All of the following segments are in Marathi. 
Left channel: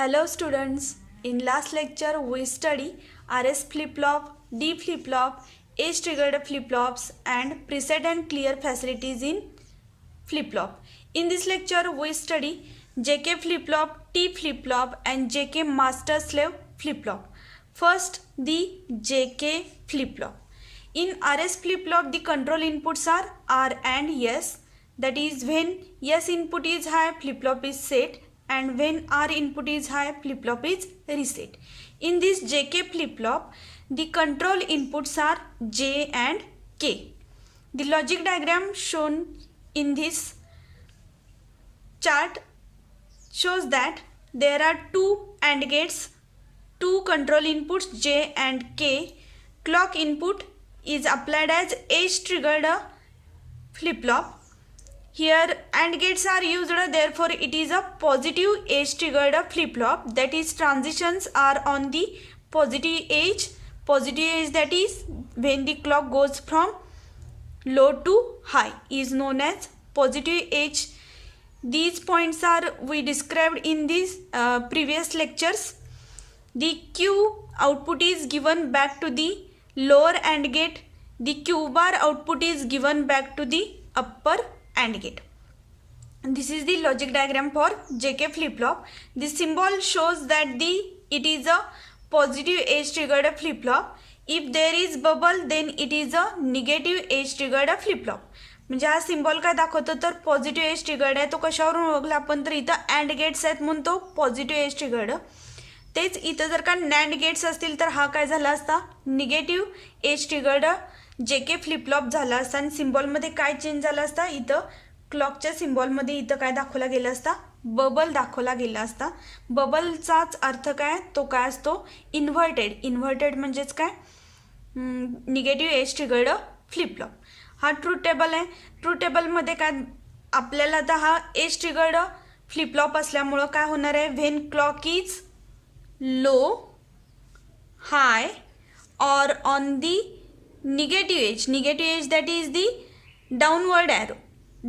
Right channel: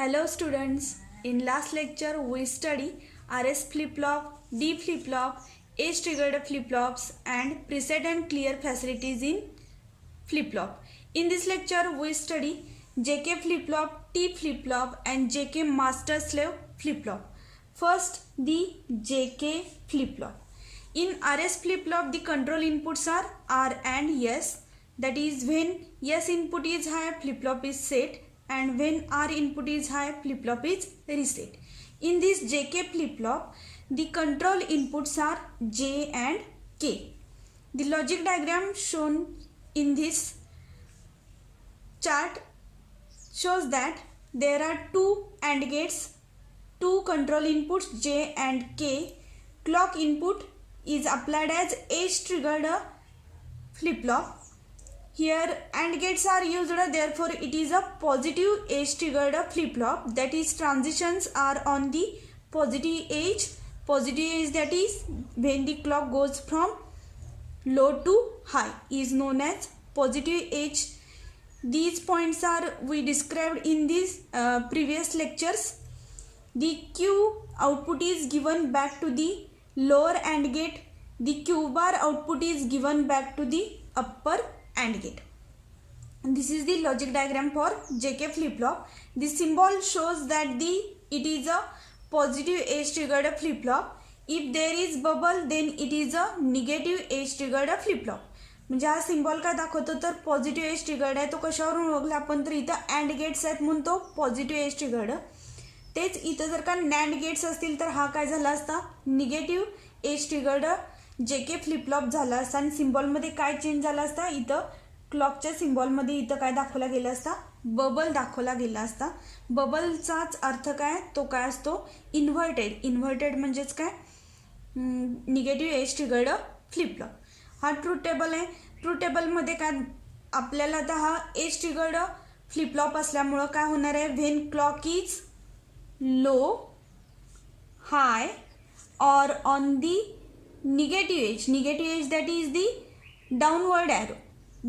Hello students, in last lecture we study RS flip-flop, D flip-flop, age triggered flip-flops and preset and clear facilities in flip-flop. In this lecture we study JK flip-flop, T flip-flop and JK master slave flip-flop. First the JK flip-flop. In RS flip-flop the control inputs are R and S. That is when S input is high, flip-flop is set, and when R input is high, flip-flop is reset. In this JK flip-flop, the control inputs are J and K. The logic diagram shown in this chart shows that there are two AND gates, two control inputs J and K. Clock input is applied as age triggered flip-flop. Here AND gates are used, therefore it is a positive age triggered flip-flop. That is, transitions are on the positive age. Positive age, that is when the clock goes from low to high, is known as positive age. These points are we described in these previous lectures. The Q output is given back to the lower AND gate. The Q bar output is given back to the upper AND gate. This is the logic diagram for JK flip-flop. The symbol shows that it is a positive age triggered flip-flop. If there is bubble, then it is a negative age triggered flip-flop. म्हणजे हा सिम्बॉल काय दाखवतो तर पॉझिटिव्ह एज ट्रिगर्ड आहे. तो कशावरून ओळखला आपण तर इथं अँड गेट्स आहेत म्हणून तो पॉझिटिव्ह एज ट्रिगर्ड. तेच इथं जर का नॅन्ड गेट्स असतील तर हा काय झाला असता negative edge triggered JK flip-flop झाला असता. आणि सिम्बॉलमध्ये काय चेंज झाला असता, इथं क्लॉकच्या सिम्बॉलमध्ये इथं काय दाखवला गेला असता, बबल दाखवला गेला असता. बबलचाच अर्थ काय, तो काय असतो इन्व्हर्टेड. इन्व्हर्टेड म्हणजेच काय निगेटिव्ह एज ट्रिगर्ड फ्लिपफ्लॉप. हा ट्रूथ टेबल आहे. ट्रूथ टेबलमध्ये काय आपल्याला आता हा एज ट्रिगर्ड फ्लिपफ्लॉप असल्यामुळं काय होणार आहे, when clock is low, high or on the negative edge that is the downward arrow.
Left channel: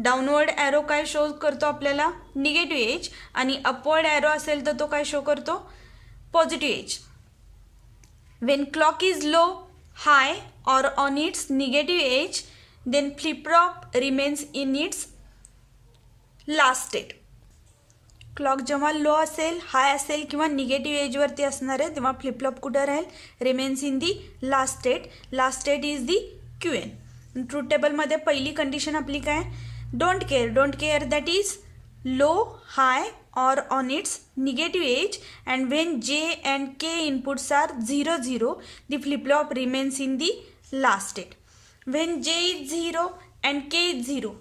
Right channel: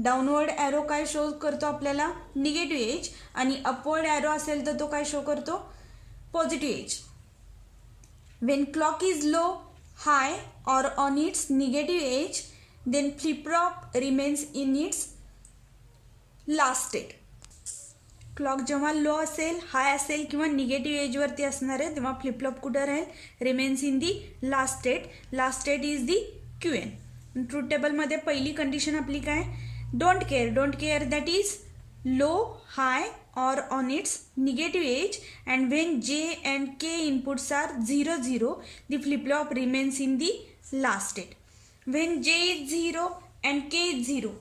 Downward arrow काय शो करतो आपल्याला निगेटिव्ह एज, आणि अपवर्ड एरो असेल तर तो काय शो करतो positive edge. When clock is low, high or on its negative edge, then flip flop remains in its last state. Clock जेव्हा लो असेल, हाय असेल किंवा निगेटिव्ह एजवरती असणार आहे तेव्हा फ्लिपफ्लॉप कुठं राहील, remains in the last state. Last state is the QN. Truth टेबलमध्ये पहिली कंडिशन आपली काय, don't care. Don't care that is low, high or on its negative edge, and when J and K inputs are 0 0, the flip flop remains in the last state. When J is 0 and K is 0,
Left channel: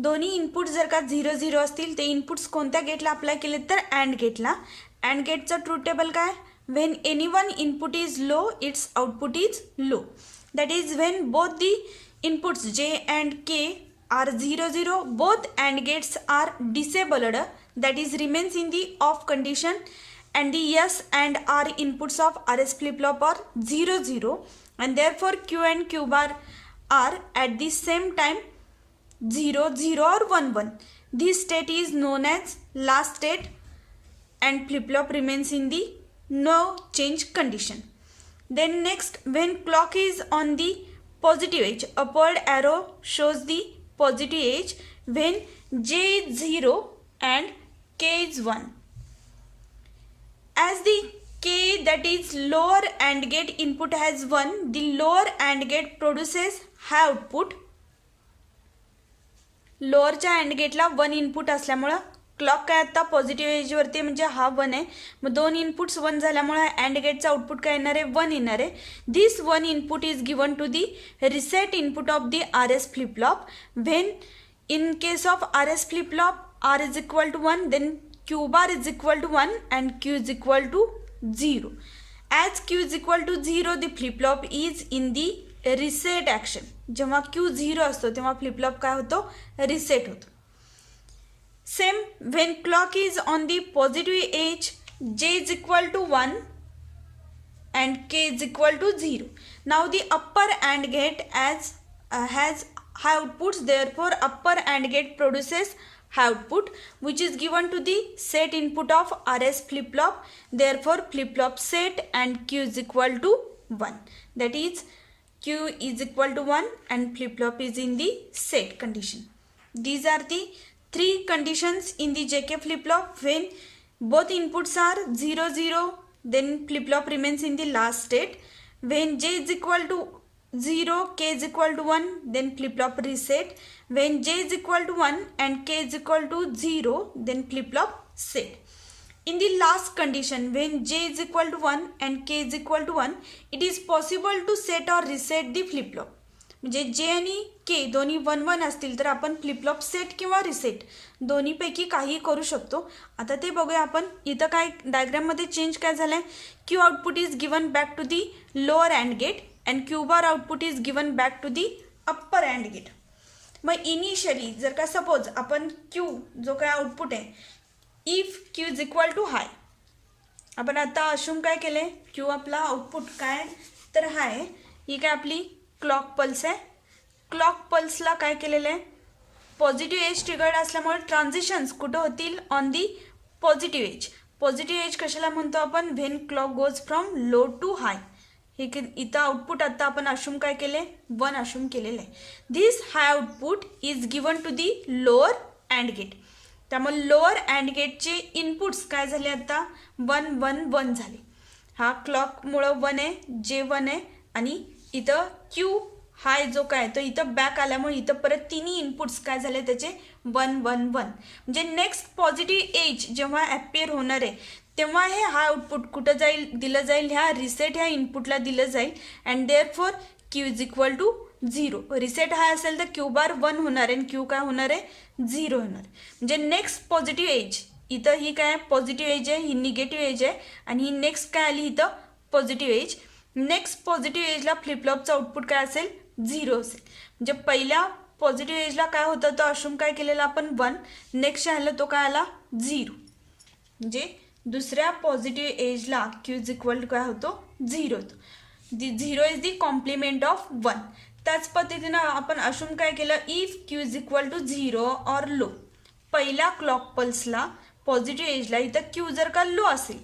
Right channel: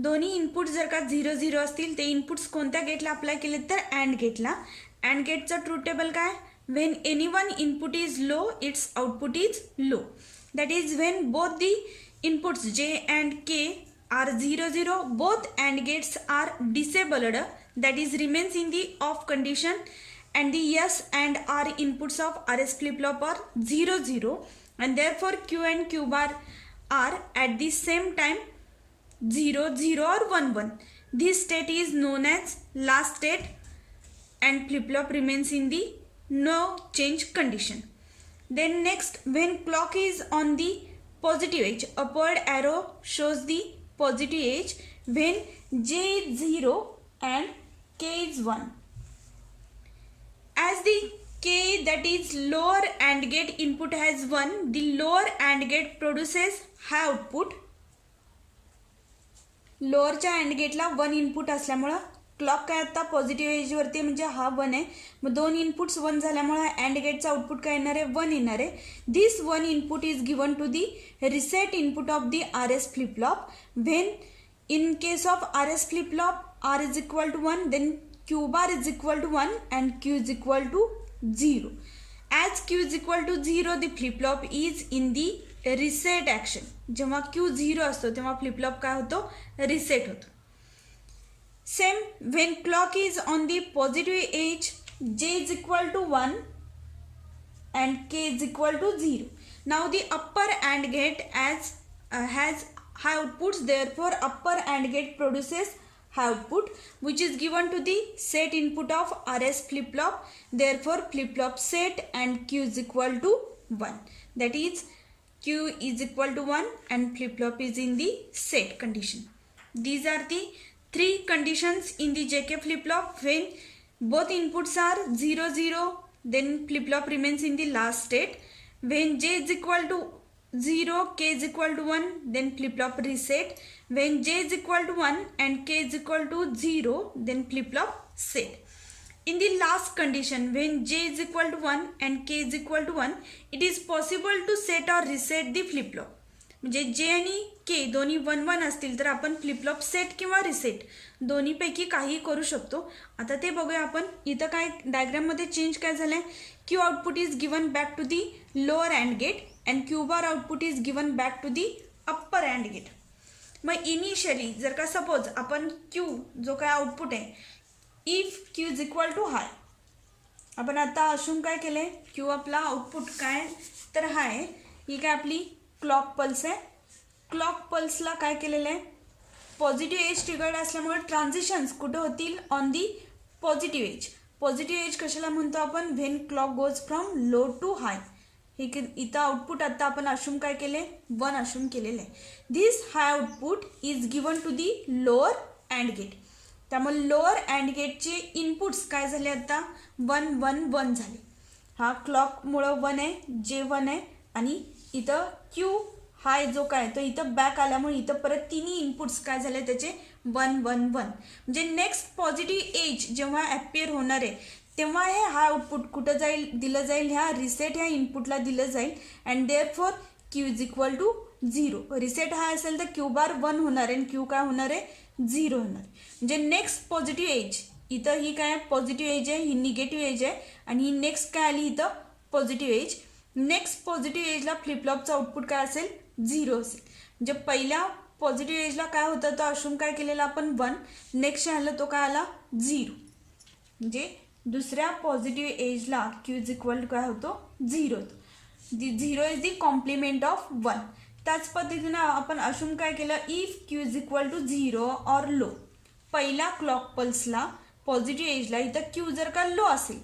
दोन्ही इनपुट जर का 0 0 असतील, ते इनपुट्स कोणत्या गेटला अप्लाय केले तर अँड गेटला. अँड गेटचं ट्रूथ टेबल काय, when any one input is low, it's output is low. That is when both the inputs J and K are 0 0, both and gates are disabled, that is remains in the off condition, and the S and R inputs of RS flip-flop are 0 0, and therefore Q and Q bar are at the same time 0 0 or 1 1. This state is known as last state, and flip-flop remains in the no change condition. Then next, when clock is on the positive edge, upward arrow shows the positive edge. When J is 0 and K is 1, as the K, that is lower AND gate input has 1, the lower AND gate produces high output. लोअरच्या अँड गेटला 1 इनपुट असल्यामुळं क्लॉक काय आता पॉझिटिव्ह एजवरती म्हणजे हा 1 आहे. मग 2 इनपुट्स 1 झाल्यामुळे अँड गेटचा आउटपुट काय येणार आहे, 1 येणार आहे. This 1 input is given to the reset input of the RS flip flop. When in case of RS flip flop R is equal to 1, then Q bar is equal to 1 and Q is equal to 0. As Q is equal to 0, the flip flop is in the reset action. जेव्हा Q 0 असतो तेव्हा फ्लिप-फ्लॉप काय होतो, रिसेट होतो. Same when clock is on the positive edge, J is equal to 1 and K is equal to 0. Now the upper and gate has high outputs, therefore upper AND gate produces high output which is given to the set input of RS flip flop. Therefore flip flop set and Q is equal to 1. That is Q is equal to 1 and flip flop is in the set condition. These are the three conditions in the JK flip flop. When both inputs are 0 0, then flip flop remains in the last state. When J is equal to 0, K is equal to 1, then flip flop reset. When J is equal to 1 and K is equal to 0, then flip flop set. In the last condition, when J is equal to 1 and K is equal to 1, it is possible to set or reset the flip flop. म्हणजे J आणि K दोन्ही 1 1 असतील तर आपण फ्लिप फ्लॉप सेट किंवा रिसेट दोन्हीपैकी काही करू शकतो. आता ते बघूया आपण. इथं काय डायग्राम मध्ये चेंज काय झालंय. Q output is given back to the lower and gate and Q bar output is given back to the upper and gate. मग इनिशियली जर का सपोज आपण Q जो काय आउटपुट आहे if Q is equal to high, आपण आता अशुम काय केले Q आपला आउटपुट काय तर हाय. ही काय आपली क्लॉक पल्स आहे. क्लॉक पल्सला काय केलेलं आहे पॉझिटिव्ह एज ट्रिगर्ड असल्यामुळे ट्रान्झिशन्स कुठं होतील on the positive edge. Positive edge कशाला म्हणतो आपण when clock goes from low to high. हे इथं आउटपुट आता आपण अशुम काय केले 1 अशुम केलेलं आहे. This high output is given to the lower and gate. त्यामुळे लोअर अँड गेटचे इनपुट्स काय झाले आता 1 1 1 झाले. हा क्लॉकमुळं 1 आहे, जे 1 आहे आणि इथं Q हाय जो काय तो इथं बॅक आल्यामुळे इथं परत तिन्ही इनपुट्स काय झाले त्याचे 1 1 1. म्हणजे नेक्स्ट पॉझिटिव्ह एज जेव्हा ॲपियर होणार आहे तेव्हा हे हाय आउटपुट कुठं जाईल दिलं जाईल ह्या रिसेट ह्या इनपुटला दिलं जाईल and therefore Q is equal to 0. Reset high असेल तर Q बार 1 होणार आहे आणि Q काय होणार आहे 0 होणार. म्हणजे नेक्स्ट पॉझिटिव्ह एज इथं ही काय पॉझिटिव्ह एज आहे, ही निगेटिव्ह एज आहे आणि ही नेक्स्ट काय आली इथं पॉझिटिव्ह एज. नेक्स्ट पॉझिटिव्ह एजला फ्लिप फ्लॉपचं आउटपुट काय असेल 0 असेल. म्हणजे पहिल्या पॉझिटिव्ह एजला काय होतं तो अशुम काय केलेला आपण 1, नेक्स्ट आलं तो काय आला 0. म्हणजे दुसऱ्या पॉझिटिव्ह एजला Q इज इक्वल टू काय होतो 0 होतो. 0 इज दी कॉम्प्लिमेंट ऑफ 1. त्याच पद्धतीनं आपण अशुम काय केलं if Q is equal to 0 or low. पहिल्या क्लॉक पल्सला पॉझिटिव्ह एजला इथं Q जर का लो असेल,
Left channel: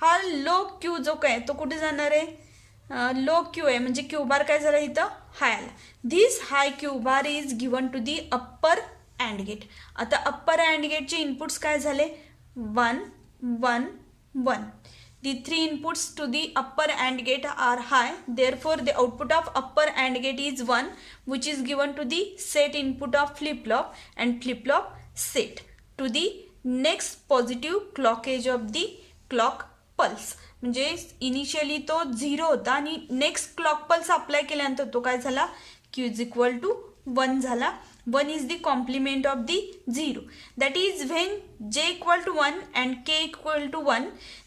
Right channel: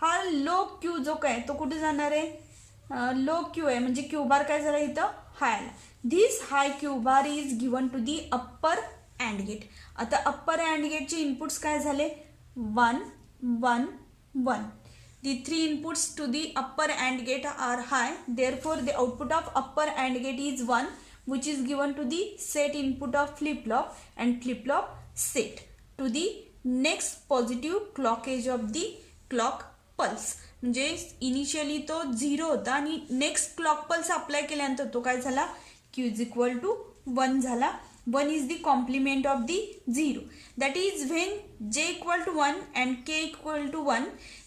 हा लो Q जो काय तो कुठे जाणार आहे लो Q आहे म्हणजे Q बार काय झाला इथं हाय आला. This high Q bar is given to the upper and gate. आता अप्पर अँड गेटचे इनपुट्स काय झाले 1 1 1. The three inputs to the upper AND gate are high. Therefore, the output of upper AND gate is 1, which is given to the set input of flip-flop and flip-flop set to the next positive clock edge of the clock pulse. म्हणजे इनिशियली तो 0 होता आणि नेक्स्ट क्लॉक पल्स अप्लाय केल्यानंतर तो काय झाला Q इज इक्वल टू 1 झाला. 1 is the complement of the 0. That is when J equal to 1 and K equal to 1,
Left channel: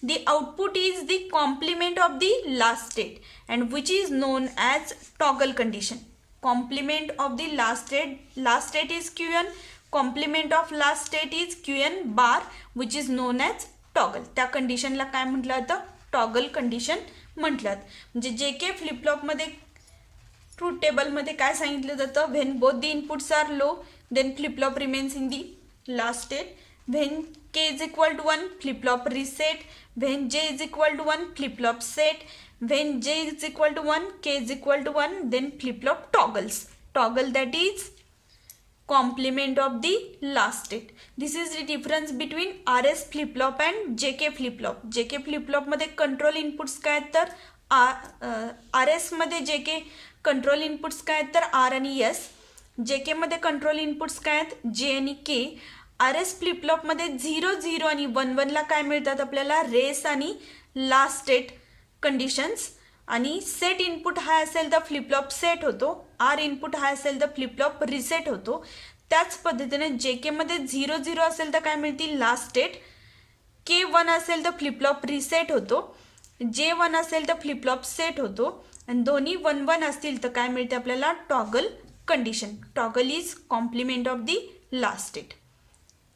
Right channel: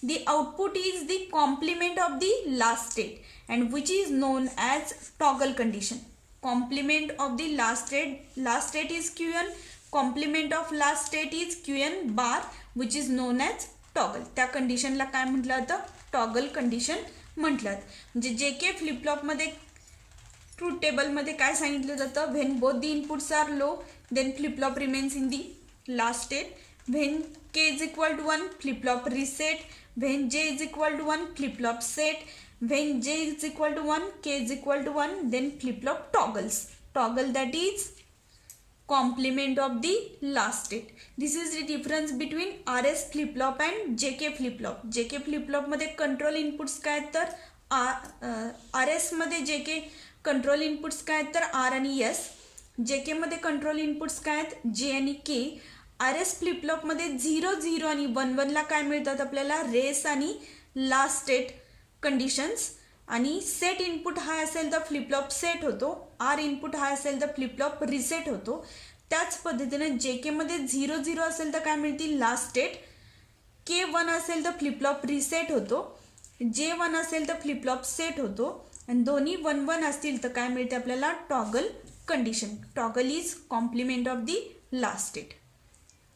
the output is the complement of the last state and which is known as toggle condition. Complement of the last state is Qn, complement of last state is Qn bar which is known as toggle. त्या कंडिशनला काय म्हटलं जातं टॉगल कंडिशन म्हटलं. म्हणजे JK फ्लिप फ्लॉप मध्ये ट्रूथ टेबल मध्ये काय सांगितलं जातं when both the inputs are low then flip flop remains in the last state. When K is equal to 1 flip flop reset. When J is equal to 1 flip flop set. When J is equal to 1 K is equal to 1 then flip flop toggles. Toggle that is complement of the last state. This is the difference between RS flip flop and JK flip flop. JK flip flop मध्ये कंट्रोल इनपुट्स काय आहेत तर RS मध्ये JK कंट्रोल इनपुट्स काय आहेत तर R आणि S. JK मध्ये कंट्रोल इनपुट्स काय आहेत J आणि K. RS फ्लिप फ्लॉप मध्ये 0 0 आणि 1 1 ला काय मिळतात आपल्याला रेस आणि लास्ट स्टेट कंडिशन्स. आणि सेट इनपुट हाय असेल तर फ्लिप फ्लॉप सेट होतो. आर इनपुट हाय असेल तर फ्लिप फ्लॉप रिसेट होतो. त्याच पद्धतीने JK मध्ये 0 0 असेल तर काय मिळतील लास्ट स्टेट. K 1 असेल तर फ्लिप फ्लॉप रिसेट होतो. J 1 असेल तर फ्लिप फ्लॉप सेट होतो आणि दोन्ही 1 1 असतील तर काय मिळते आपल्याला toggle condition. Toggle is complement of the last state.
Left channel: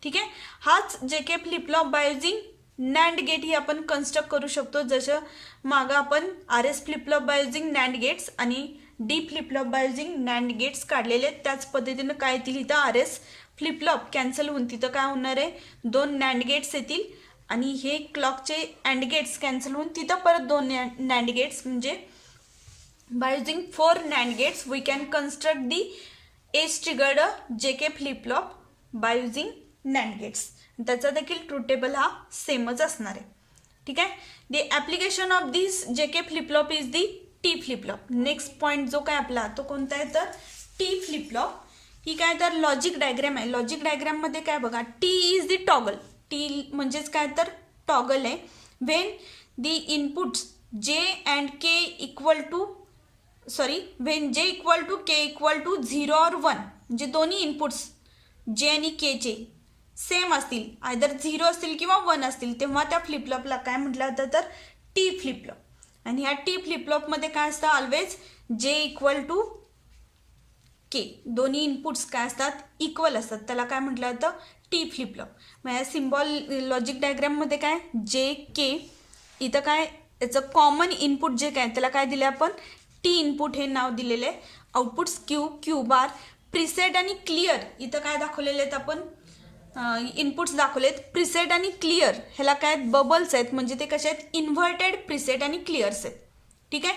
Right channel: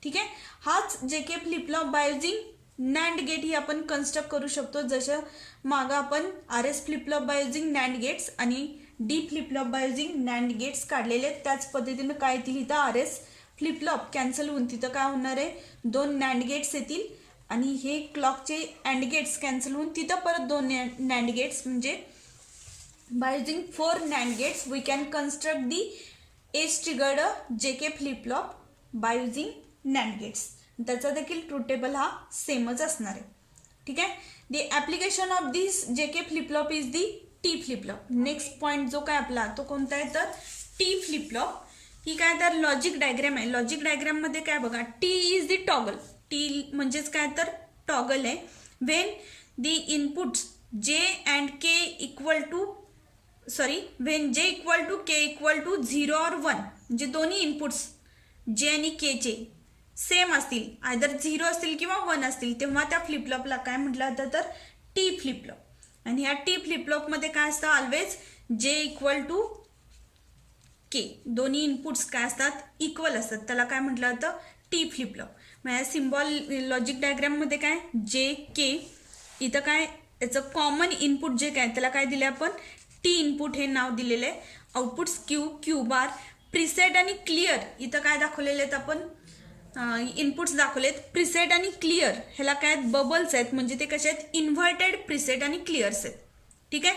ठीक आहे. हाच JK flip flop by using NAND gate ही आपण कन्स्ट्रक्ट करू शकतो. जसं मागं आपण RS flip flop by using NAND gates आणि D flip flop by using NAND gates काढलेले त्याच पद्धतीनं काय येतील इथं RS फ्लिपफ्लॉप कॅन्सल होऊन तिथं काय होणार आहे, 2 नॅन्ड गेट्स येतील आणि हे क्लॉकचे अँड गेट्स कॅन्सल होऊन तिथं परत 2 नॅन्ड गेट्स. म्हणजे by using 4 NAND gates we can construct the edge triggered JK flip flop by using NAND gates. त्याचा देखील ट्रूथ टेबल हा सेमच असणार आहे. ठीक आहे. The application of this JK flip flop is the T flip flop. Next point जो काय आपला तो कोणता आहे तर T फ्लिपफ्लॉप. ही काय तर लॉजिक डायग्राम आहे. लॉजिक डायग्राम मध्ये काय बघा, T is the toggle. T म्हणजेच काय तर टॉगल आहे. When the inputs J and K equal to when J equal to K equal to 0 और 1, म्हणजे दोन्ही इनपुट्स J आणि K चे सेम असतील, आयदर 0 असतील किंवा 1 असतील, तेव्हा त्या फ्लिपफ्लॉपला काय म्हटलं जातं तर T फ्लिपफ्लॉप. आणि ह्या T फ्लिपफ्लॉप मध्ये काय असतं, always J equal to K, दोन्ही इनपुट्स काय असतात इक्वल असतात, त्याला काय म्हटलं जातं T फ्लिपफ्लॉप. मग या सिम्बॉल लॉजिक डायग्राम मध्ये काय JK, इथं काय याचं कॉमन इनपुट जे काय त्याला काय दिले आपण T इनपुट हे नाव दिलेले आहे. आउटपुट्स क्यू बार प्रीसेट आणि क्लिअर, इथं काय दाखवलेले आहेत आपण इनपुट्स दाखवलेत प्रीसेट आणि क्लिअर. ह्याला काय बबल्स आहेत, म्हणजे ते कसे आहेत इन्व्हर्टेड प्रीसेट आणि क्लिअर्स आहेत. ठीक आहे.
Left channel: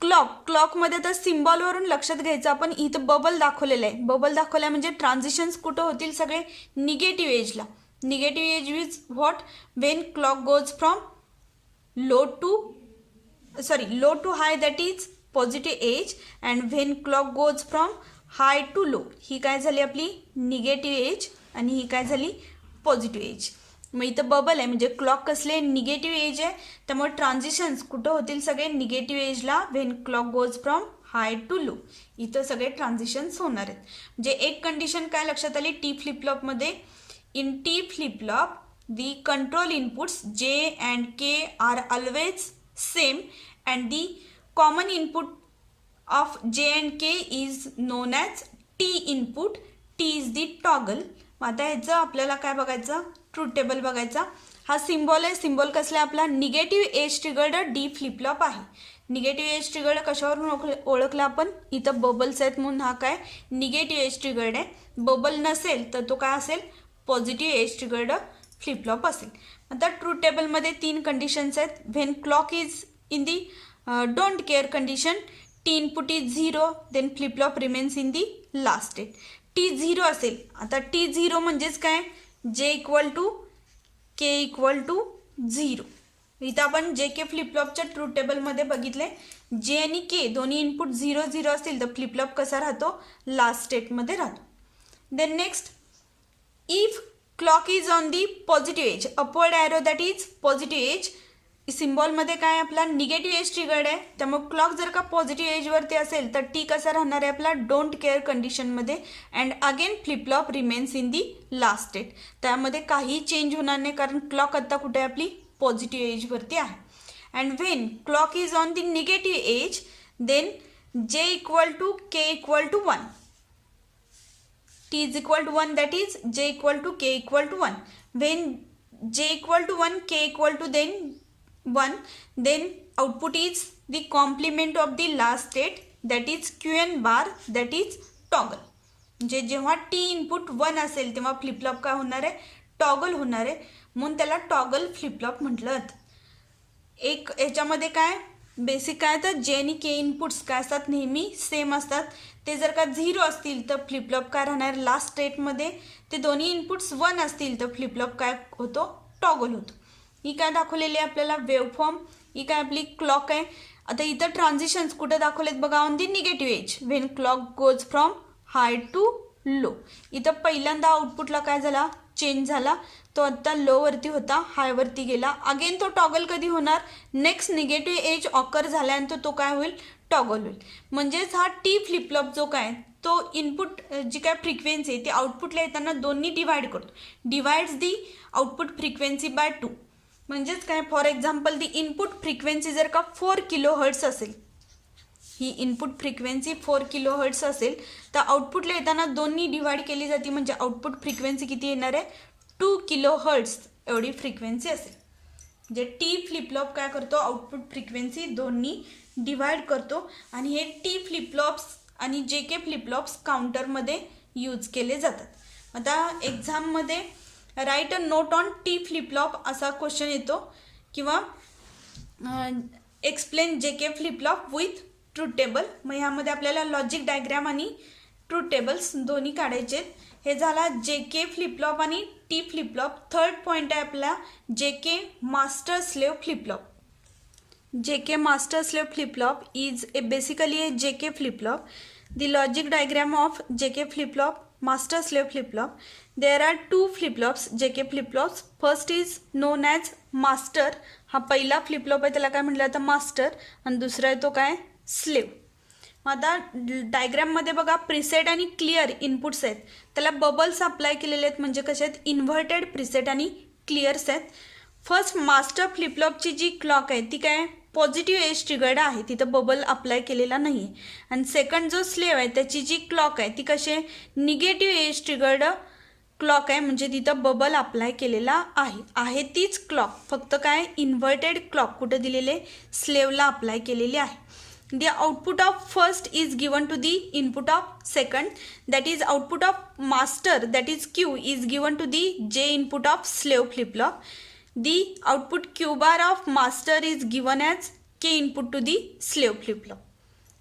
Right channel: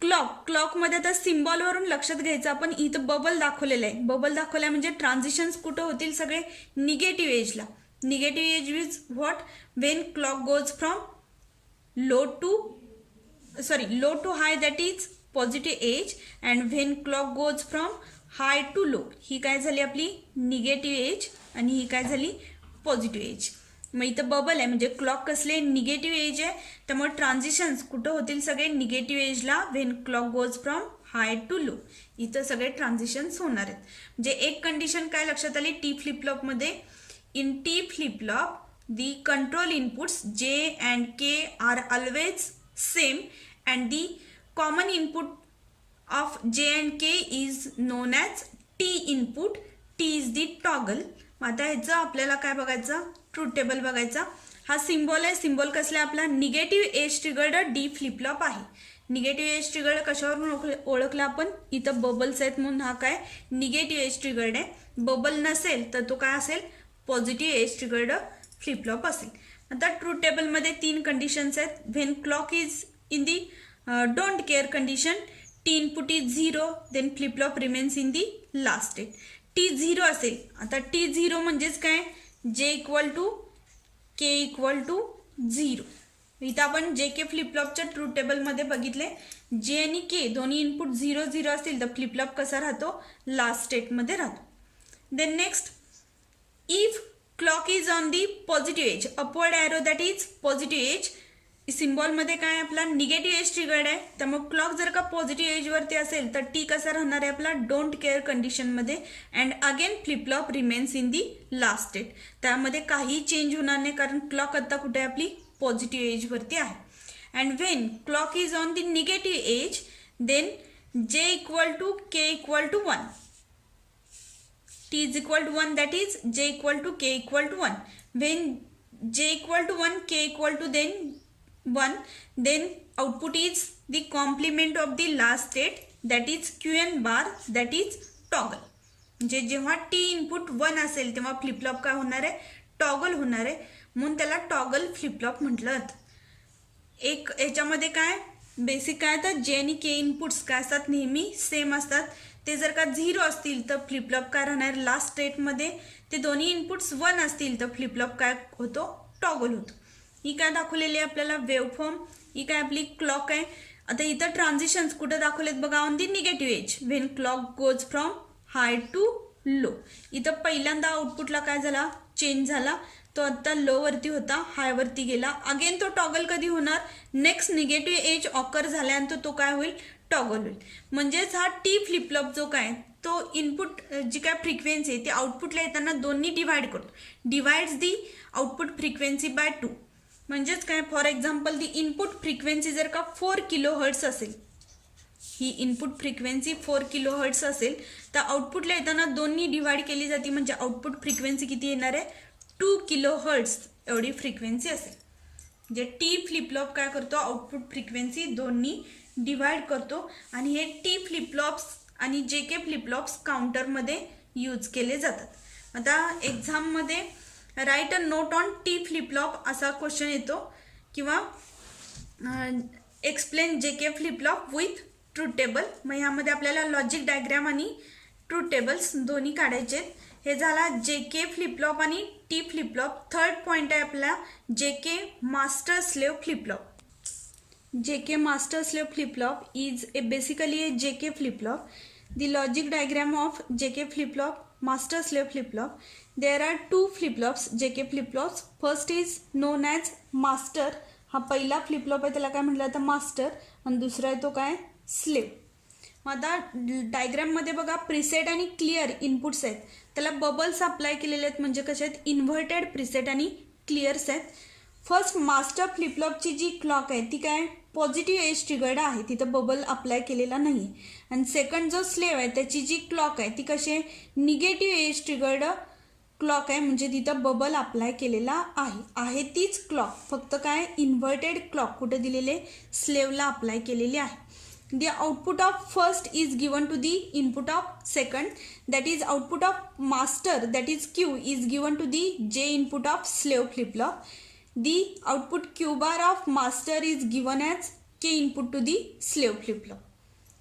क्लॉकमध्ये तर सिम्बॉलवरून लक्षात घ्यायचं आपण, इथं बबल दाखवलेलं आहे. बबल दाखवलं म्हणजे ट्रान्झिशन्स कुठं होतील सगळे निगेटिव्ह एजला. Negative edge is what, when clock goes from low to high that is positive edge, and when clock goes from high to low, ही काय झाली आपली निगेटिव्ह एज आणि ही काय झाली पॉझिटिव्ह एज. मग इथं बबल आहे म्हणजे क्लॉक कसले निगेटिव्ह एज आहे, त्यामुळे ट्रान्झिशन्स कुठं होतील सगळे निगेटिव्ह एजला. When clock goes from high to low, इथं सगळे ट्रान्झिशन्स होणार आहेत. म्हणजे एक कंडिशन काय लक्षात आली T फ्लिपफ्लॉपमध्ये, in T flip flop the control inputs J and K are always same and the common input of J and K is known as T input. T is the toggle. आता ह्याचं आपल्याला काय बघायचं ट्रूथ टेबल बघायचा. हा सिम्बॉल आहे. सिम्बॉल कसला आपला negative edge triggered D flip-flop आहे. निगेटिव्ह एज ट्रिगर्ड कशावरून ओळखलं आपण, इथं बबल्स आहेत म्हणून हा काय निगेटिव्ह एज ट्रिगर्ड आहे. बबल नसेल तर तो काय असेल पॉझिटिव्ह एज ट्रिगर्ड फ्लिपफ्लॉप असेल. आता ट्रूथ टेबलमध्ये 3 कंडिशन्स आहेत. When clock is in the don't care condition, T input is 0, then flip flop remains in the last state. T 0 असेल, आता T 0 म्हणजेच काय J equal to K equal to 0. इथं आपण JK फ्लिपफ्लॉपच्या ट्रूथ टेबलमध्ये बघितले J आणि K दोन्ही इनपुट 0 0 असतील तर फ्लिपफ्लॉप कसा राहतो लास्ट स्टेटमध्ये राहतो. Then next, if clock is on the positive edge, upward arrow that is positive edge. सिम्बॉलमध्ये काय आपला निगेटिव्ह एज ट्रिगर्ड आहे, त्यामुळे क्लॉक जर का पॉझिटिव्ह एजवरती असेल तर T कसा राहणार आहे आपला डोंट केअर कंडिशनमध्ये, and again flip-flop remains in the last state. त्यामध्ये काही चेंज होणार नाही कारण क्लॉक आता कुठे आपली पॉझिटिव्ह एजवरती आहे. And when clock is on the negative edge, then J equal to K equal to 1, T is equal to 1 that is J equal to K equal to 1. When J equal to 1 K equal to then 1, then output is the complement of the last state that is Qn bar that is toggle. म्हणजे जेव्हा T इनपुट 1 असेल तेव्हा फ्लिपफ्लॉप काय होणार आहे टॉगल होणार आहे, म्हणून त्याला टॉगल फ्लिपफ्लॉप म्हटलं जातं. एक याच्यामध्ये काय बेसिक काय तर J आणि K इनपुट्स काय असतात नेहमी सेम असतात. ते जर का 0 असतील तर फ्लिपफ्लॉप काय राहणार लास्ट स्टेटमध्ये, ते दोन्ही इनपुट्स 1 असतील तर फ्लिपफ्लॉप काय होतो टॉगल होतो. ही काय दाखवलेली आहे आपल्याला वेवफॉर्म, ही काय आपली क्लॉक आहे. आता इथं ट्रान्झिशन्स कुठं दाखवलेत बघा on the negative edge, when clock goes from high to low. इथं पहिल्यांदा आउटपुटला काय झाला चेंज झाला, तो आता लो वरती होता हायवरती गेला. अगेन तो टॉगल कधी होणार, नेक्स्ट निगेटिव्ह एज ऑकर झाल्यानंतर तो काय होईल टॉगल होईल. म्हणजेच हा T फ्लिपफ्लॉप जो काय तो इनपुट जी काय फ्रिक्वेन्सी आहे ती आउटपुटला येताना दोन्ही डिवाइड करतो, divides the output frequency by 2. म्हणजेच काय for example the input frequency जर का 4 किलोहर्ट्ज असेल, ही इनपुट फ्रिक्वेन्सी 4 किलोहर्ट्ज असेल तर आउटपुटला येताना दोन्ही डिवाइड केली जाते, म्हणजे आउटपुट फ्रिक्वेन्सी किती येणार आहे 2 किलोहर्ट्ज एवढी फ्रिक्वेन्सी असेल. म्हणजे T फ्लिपफ्लॉप काय करतो आउटपुट फ्रिक्वेन्सी दोन्ही डिवाइड करतो, आणि हे T फ्लिपफ्लॉप्स आणि JK फ्लिपफ्लॉप्स काउंटरमध्ये यूज केले जातात. आता एक्झाममध्ये write a note on T flip flop असा क्वेश्चन येतो किंवा explain J K flip flop with truth table. मग ह्यामध्ये आपल्याला लॉजिक डायग्राम आणि ट्रूथ टेबल्स दोन्ही काढायचे. हे झाला जे के फ्लिप फ्लॉप आणि T flip flop. Third point आहे आपला J K master slave flip flop. JK master slave flip flop is basically a JK flip flop. The logic diagram of JK flip flop, master slave flip flop. There are two flip flops, JK flip flops. First is known as master. हा पहिला फ्लिप फ्लॉप आहे त्याला काय म्हटलं जातं मास्टर आणि दुसरा आहे तो काय स्लेव. आता डायग्राममध्ये बघा प्रीसेट आणि क्लिअर इनपुट्स आहेत. त्याला बबल्स अप्लाय केलेले आहेत म्हणजे कसे आहेत इन्व्हर्टेड प्रीसेट आणि क्लिअर्स आहेत. फर्स्ट मास्टर फ्लिप फ्लॉपची जी क्लॉक आहे ती काय पॉझिटिव्ह एज ट्रिगर्ड आहे, तिथं बबल अप्लाय केलेला नाही आहे. आणि सेकंड जो स्लेव आहे त्याची जी क्लॉक आहे ती कशी आहे निगेटिव्ह एज ट्रिगर्ड क्लॉक आहे म्हणजे तिथं बबल अप्लाय केलेला आहे तीच क्लॉक फक्त काय इन्व्हर्टेड क्लॉक कुठं दिलेले स्लेवला अप्लाय केलेली आहे. The output of first is given to the input of second, that is output of master, that is Q, is given to the J input of slave flip flop. The output Q bar of master is given as K input to the slave flip flop.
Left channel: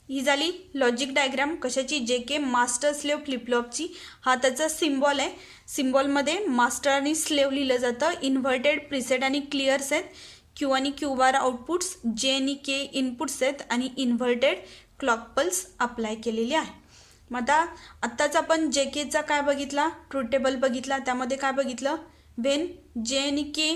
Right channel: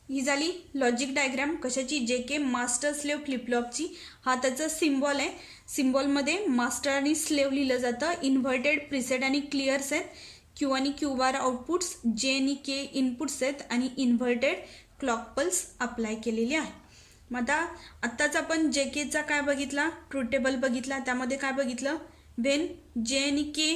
ही झाली लॉजिक डायग्राम कशाची जे के मास्टर स्लेव फ्लिप फ्लॉपची. हा त्याचा सिम्बॉल आहे. सिम्बॉलमध्ये मास्टर आणि स्लेव लिहिलं जातं. इन्व्हर्टेड प्रीसेट आणि क्लिअर्स आहेत. क्यू आणि क्यू बार आउटपुट्स, जे आणि के इनपुट्स आहेत आणि इन्व्हर्टेड क्लॉक पल्स अप्लाय केलेली आहे. मग आत्ताच आपण जे केचा काय बघितला ट्रूथ टेबल बघितला. त्यामध्ये काय बघितलं वेन जे आणि K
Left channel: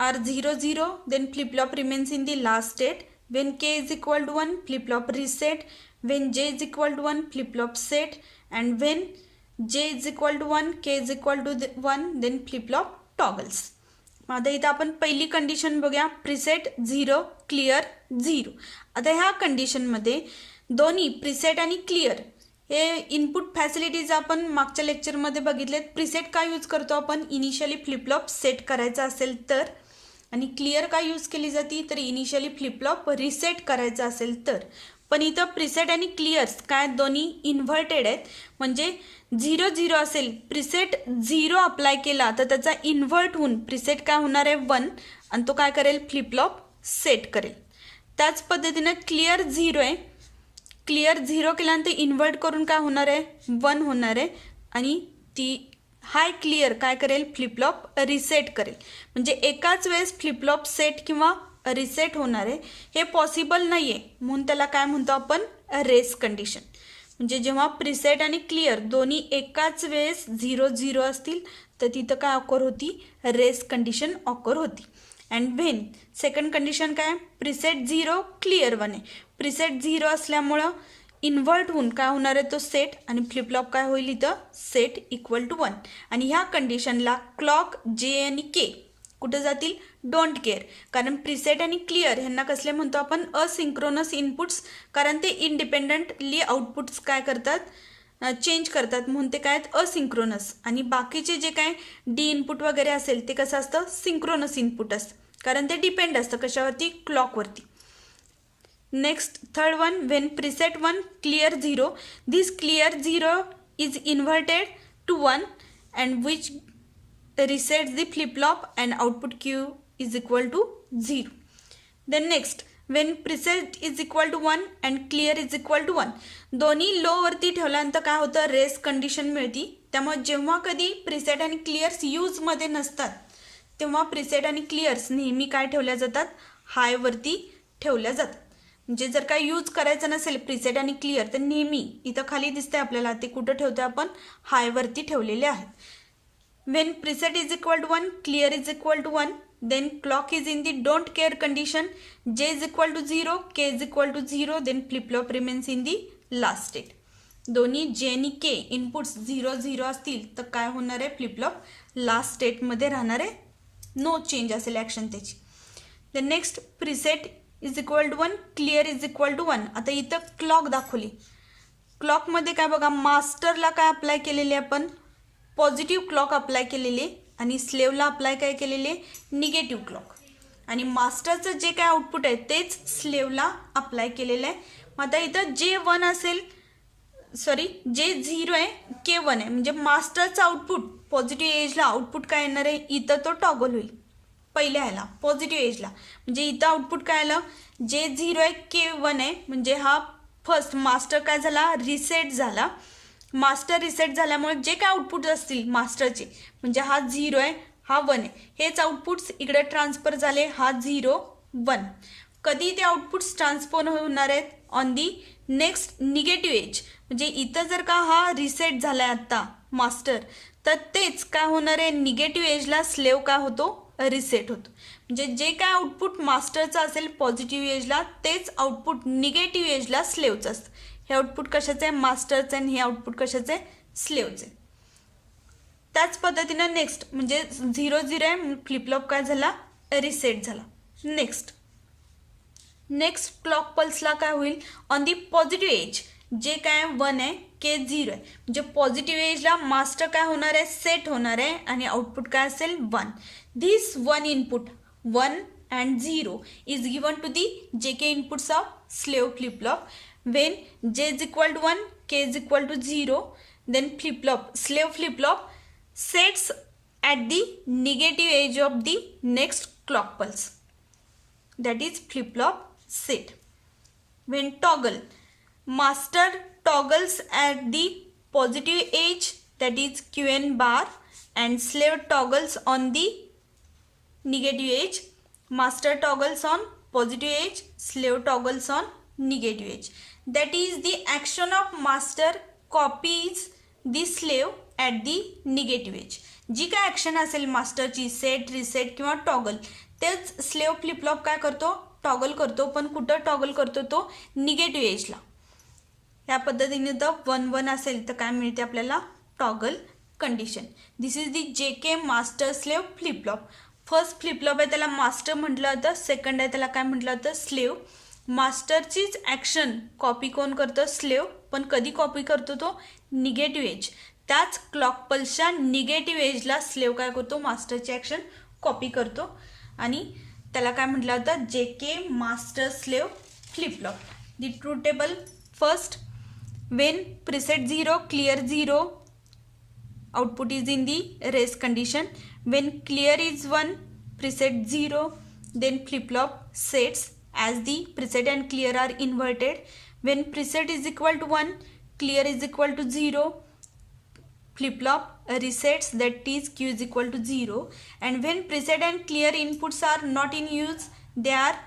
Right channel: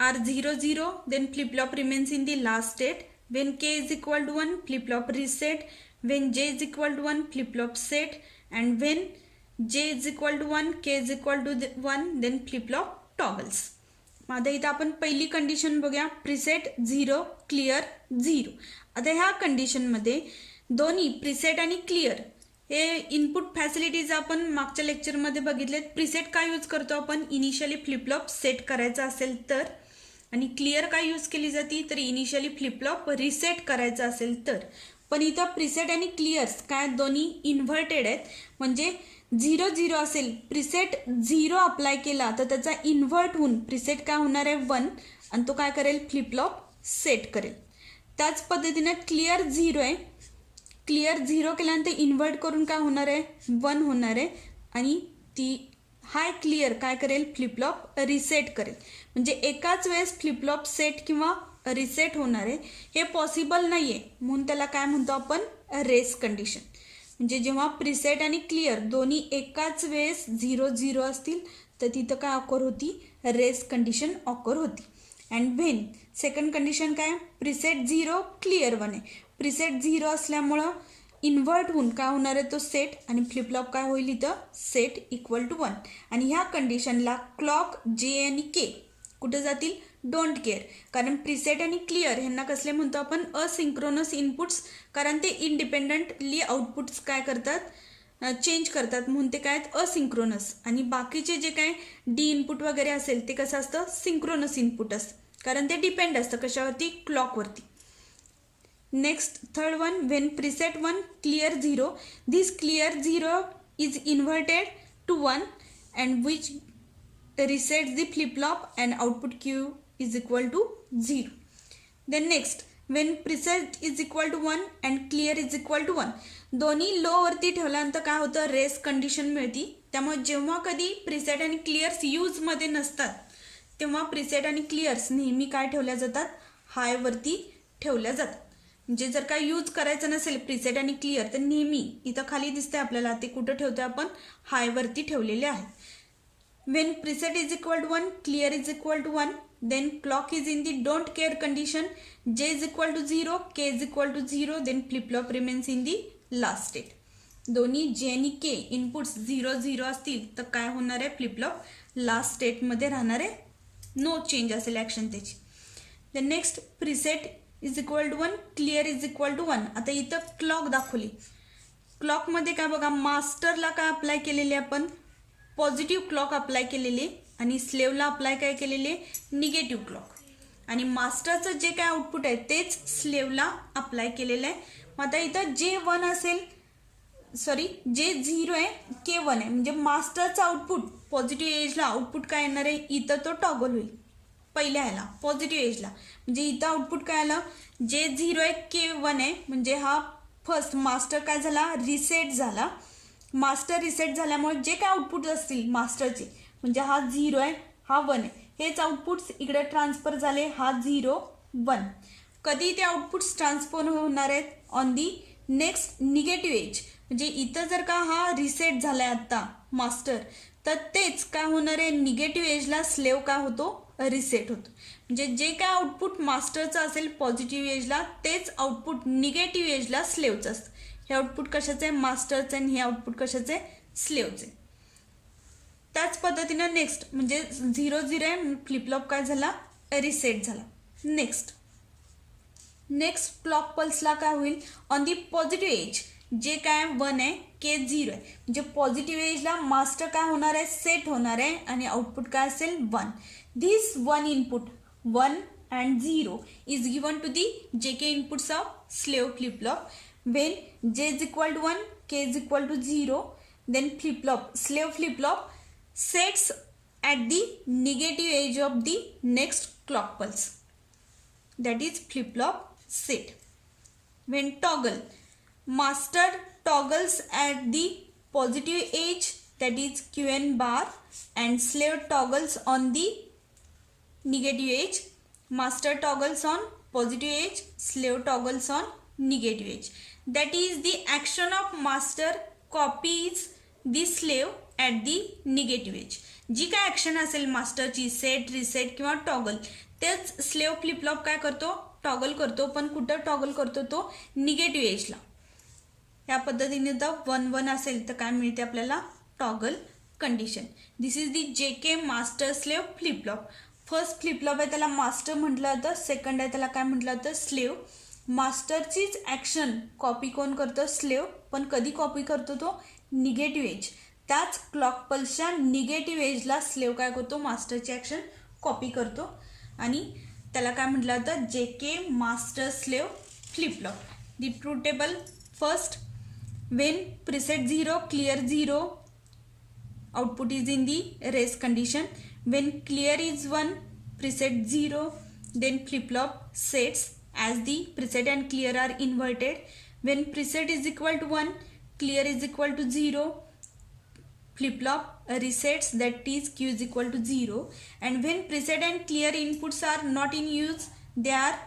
are 0 0 then flip flop remains in the last state. When K is equal to 1 flip flop reset. When J is equal to 1 flip flop set. And when J is equal to 1 K is equal to 1 then flip flop toggles. आता इथं आपण पहिली कंडिशन बघूया प्रीसेट 0 क्लिअर 0. आता ह्या कंडिशनमध्ये दोन्ही प्रीसेट आणि क्लिअर हे इनपुट फॅसिलिटीज आपण मागच्या लेक्चरमध्ये बघितलेत. प्रीसेट काय यूज करतो आपण इनिशियली फ्लिप फ्लॉप सेट करायचा असेल तर, आणि क्लिअर काय यूज केली जाते तर इनिशियली फ्लिप फ्लॉप रिसेट करायचा असेल तर. पण इथं प्रीसेट आणि क्लिअर्स काय दोन्ही इन्व्हर्टेड आहेत म्हणजे 0 0 असेल प्रीसेट 0 अप्लाय केला तर त्याचा इन्व्हर्ट होऊन प्रीसेट काय होणार आहे 1 आणि तो काय करेल फ्लिप फ्लॉप सेट करेल. त्याच पद्धतीने क्लिअर 0 आहे. क्लिअर 0 केल्यानंतर इन्व्हर्ट करून काय होणार आहे 1 होणार आहे आणि ती हाय क्लिअर काय करेल फ्लिप फ्लॉप रिसेट करेल. म्हणजे एकाच वेळेस फ्लिप फ्लॉप सेट किंवा रिसेट होणार आहे हे पॉसिबल नाही आहे म्हणून त्याला काय म्हणतो आपण रेस कंडिशन. म्हणजे जेव्हा प्रीसेट आणि क्लिअर दोन्ही एकाच वेळेस 0 0 असतील तर तिथं काय ऑकर होती रेस कंडिशन ऑकर होती. अँड व्हेन सेकंड कंडिशन काय प्रीसेट 0 क्लिअर 1 आहे. प्रीसेट 0 असल्यामुळं इन्व्हर्ट होऊन काय होणार आहे तो सेट आणि फ्लिप फ्लॉप काय होईल इथं सेट इक्वल टू 1. आणि ह्या कंडिशनला क्लॉक जे आणि के कुठे जातील डोंट केअर. कारण प्रीसेट आणि क्लिअर ह्यांना कसले म्हणतो आपण असिंक्रोनस इनपुट्स कारण ते इंडिपेंडंटली आउटपुट्स काय करतात चेंज करतात म्हणून ते काय असिंक्रोनस. आणि बाकीचे जे काय डी इनपुट वगैरे असेल ते कसं असतं सिंक्रोनस इनपुट असतं कारण ते डिपेंड असतं कशावरती क्लॉकवरती. Next third one when preset 1 clear 0 this clear 0 is inverted to 1 and which resets the flip flop and output Q is equal to 0. Then next when preset is equal to 1 and clear is equal to 1 दोन्ही लो वरती ठेवल्यानंतर काय होतं रेस कंडिशन मिळती. त्यामुळे जेव्हा कधी प्रीसेट आणि क्लिअर्स यूज मध्ये नसतात तेव्हा प्रीसेट आणि क्लिअर्स नेहमी काय ठेवल्या जातात हाय वरती ठेवल्या जातात. म्हणजे जर काय यूज करायचं नसेल प्रीसेट आणि क्लिअर तर नेहमी इथं खाली दिसतंय आपल्याला ते कुठं ठेवतोय आपण हाय वरती ठेवलेले आहेत. When preset is equal to 1, clear is equal to 1, then clock is in the don't care condition, J is equal to 0, K is equal to 0, then flip flop remains in the last state. दोन्ही J आणि K इनपुट्स 0 0 असतील तर काय होणार आहे फ्लिप फ्लॉप लास्ट स्टेटमध्ये राहणार आहे नो चेंज असेल ॲक्शन त्याची. The next preset is equal to 1, clear is equal to 1. आता इथं क्लॉक दाखवली. क्लॉकमध्ये काय बघा मास्टरला काय अप्लाय केलेले आपण पॉझिटिव्ह क्लॉक अप्लाय केलेली आणि स्लेवला अप्लाय काय केलेले निगेटिव्ह क्लॉक. आणि मास्टरचं जे काय आउटपुट आहे तेच स्लेवला अप्लाय केलेलं आहे. आता इथं जे 1 असेल सॉरी जे 0 आहे के 1 आहे, म्हणजे मास्टरचं आउटपुट पॉझिटिव्ह एजला आउटपुट काय येणार आहे, इथं तो टॉगल होईल पहिल्या ह्याला पॉझिटिव्ह एजला, म्हणजे इथं आउटपुट काय आलं, जे 0 आहे के 1 आहे, म्हणजे हा फर्स्ट मास्टर काय झाला, रिसेट झाला. मास्टर रिसेट झाल्यामुळे जे काय आउटपुट असतील मास्टरचे, म्हणजे हा 0 आहे हा 1 आहे, हेच आउटपुट्स इकडे ट्रान्सफर झाले, हा 0 1. कधी ते आउटपुट्स ट्रान्सफर होणार आहेत, on the next negative edge, म्हणजे इथं जर का हा रिसेट झालाय आता मास्टर, तर तेच काय होणार आहे, निगेटिव्ह एजला स्लेव काय होतो, रिसेट होतो. म्हणजे जे काय आउटपुट मास्टरचं असेल पॉझिटिव्ह एजला, तेच आउटपुट निगेटिव्ह एजला स्लेवचं असतं. हे आउटपुट कशाचं आहे, मास्टरचं, आणि हे आउटपुट कशाचं आहे, स्लेवचं आहे. त्याच पद्धतीनं नेक्स्ट म्हणजे 0 0 आहे, फ्लिपफ्लॉप काय झाला, रिसेट झाला. नेक्स्ट क्लॉक पल्सला काय होईल, ऑन दी पॉझिटिव्ह एज, जे काय 1 आहे के 0 आहे, म्हणजे पॉझिटिव्ह एजला मास्टर काय होणार आहे, सेट होणार आहे, आणि आउटपुट काय असेल 1. This 1 input 1 and 0 is given to the JK inputs of slave flip-flop. When J is equal to 1, K is equal to 0, then slave flip-flop sets at the negative edge of the next clock pulse. That is flip-flop set. When master toggles at the positive edge, that is QN bar, and slave toggles on the negative edge. Master toggles on positive edge, slave toggles on negative edge. That is the action of master copies the slave at the negative edge. जी काय ॲक्शन असेल मास्टरची, सेट रिसेट किंवा टॉगल, तेच स्लेव फ्लिपफ्लॉप काय करतो, टॉगल करतो, पण कुठं टॉगल करतो, तो निगेटिव्ह एजला. या पद्धतीने जर 1 1 असेल तर काय मिळते आपल्याला, toggle condition. This is the JK master slave flip-flop. First flip-flop आहे त्याला मास्टर म्हटलं होतं, सेकंड आहे त्याला काय म्हटलं होतं, स्लेव. मास्टरचीच ॲक्शन कॉपी कोण करतो, स्लेव, पण कधी कॉपी करतो तो, निगेटिव्ह एज. त्याच क्लॉक पल्सच्या निगेटिव्ह एजला स्लेव काय करतो, मास्टरची ॲक्शन कॉपी करतो, आणि त्याला काय म्हटलं होतं, JK master slave flip-flop. The truth table, first Wien preset 0 clear 0, output is in the rest condition. When clear is 1, preset 0, then flip-flop sets as the preset and clear are inverted. When preset is equal to 1, clear is equal to 0, flip-flop resets, that is Q is equal to 0. And when preset and clear inputs are not in use, they are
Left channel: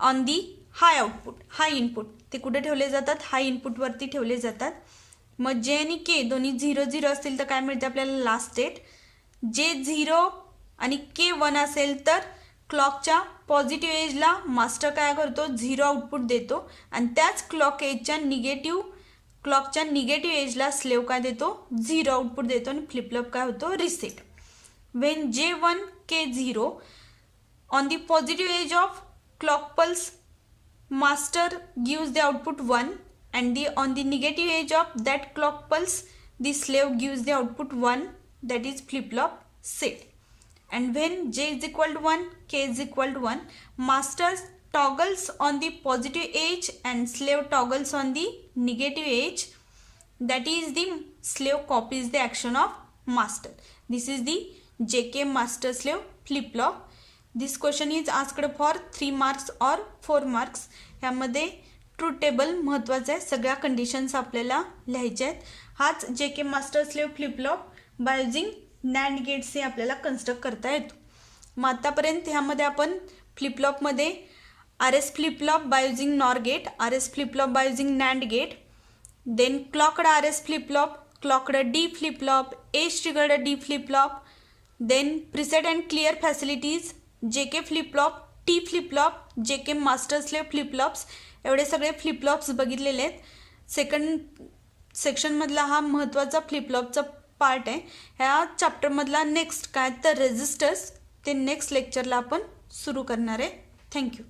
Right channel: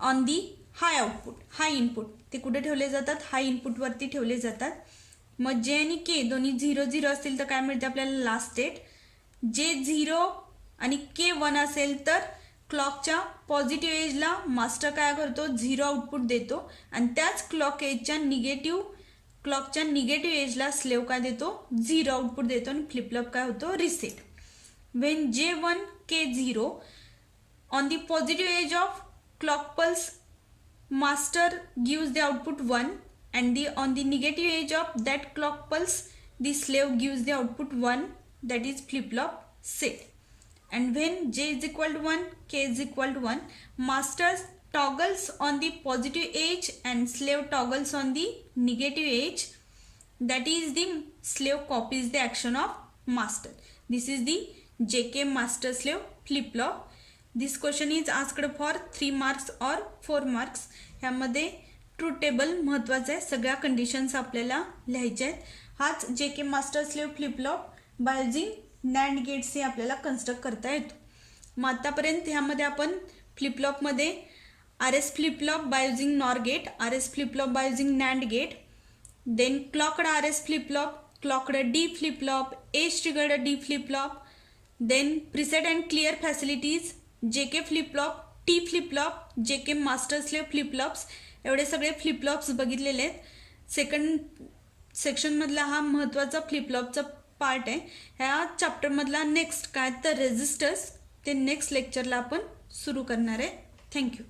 on the high output, high input. ते कुठे ठेवले जातात, हाय इनपुट वरती ठेवले जातात. मग जे आणि के दोन्ही 0 0 असतील तर काय मिळते आपल्याला, लास्ट स्टेट. जे 0 आणि के 1 असेल तर क्लॉकच्या पॉझिटिव्ह एजला मास्टर काय करतो, 0 आउटपुट देतो, आणि त्याच क्लॉकच्या निगेटिव्ह एजला स्लेव काय देतो, 0 आउटपुट देतो, आणि फ्लिपफ्लॉप काय होतो, reset. Wien J1 K0 on the positive edge of clock pulse, master gives the output 1, and on the negative edge of that clock pulse, the slave gives the output 1, that is flip-flop set. And when J is equal to 1, K is equal to 1, master toggles on the positive edge and slave toggles on the negative edge, that is the slave copies the action of master. This is the JK master slave flip-flop. This question is asked for 3 marks or 4 marks. ह्यामध्ये ट्रूथ टेबल महत्त्वाचं आहे, सगळ्या कंडिशन्स आपल्याला लिहायच्या आहेत. हाच JK master slave flip flop by using NAND gates हे आपल्याला कन्स्ट्रक्ट करता येतो. मग आतापर्यंत ह्यामध्ये आपण फ्लिपफ्लॉपमध्ये RS flip flop by using NOR gate, RS flip flop by using NAND gate, then clocked RS flip flop, clocked D flip flop, edge triggered D flip flop, then preset and clear facilities, JK flip flop, T flip flop, JK master slave flip flops, एवढे सगळे फ्लिपफ्लॉप्स बघितलेले आहेत. सेकंड सेक्शनमधला हा महत्त्वाचा फ्लिपफ्लॉपचा पार्ट आहे. ह्या चॅप्टरमधला नेक्स्ट काय तर रेजिस्टर्स, ते नेक्स्ट लेक्चरला आपण सुरू करणार आहे. थँक्यू.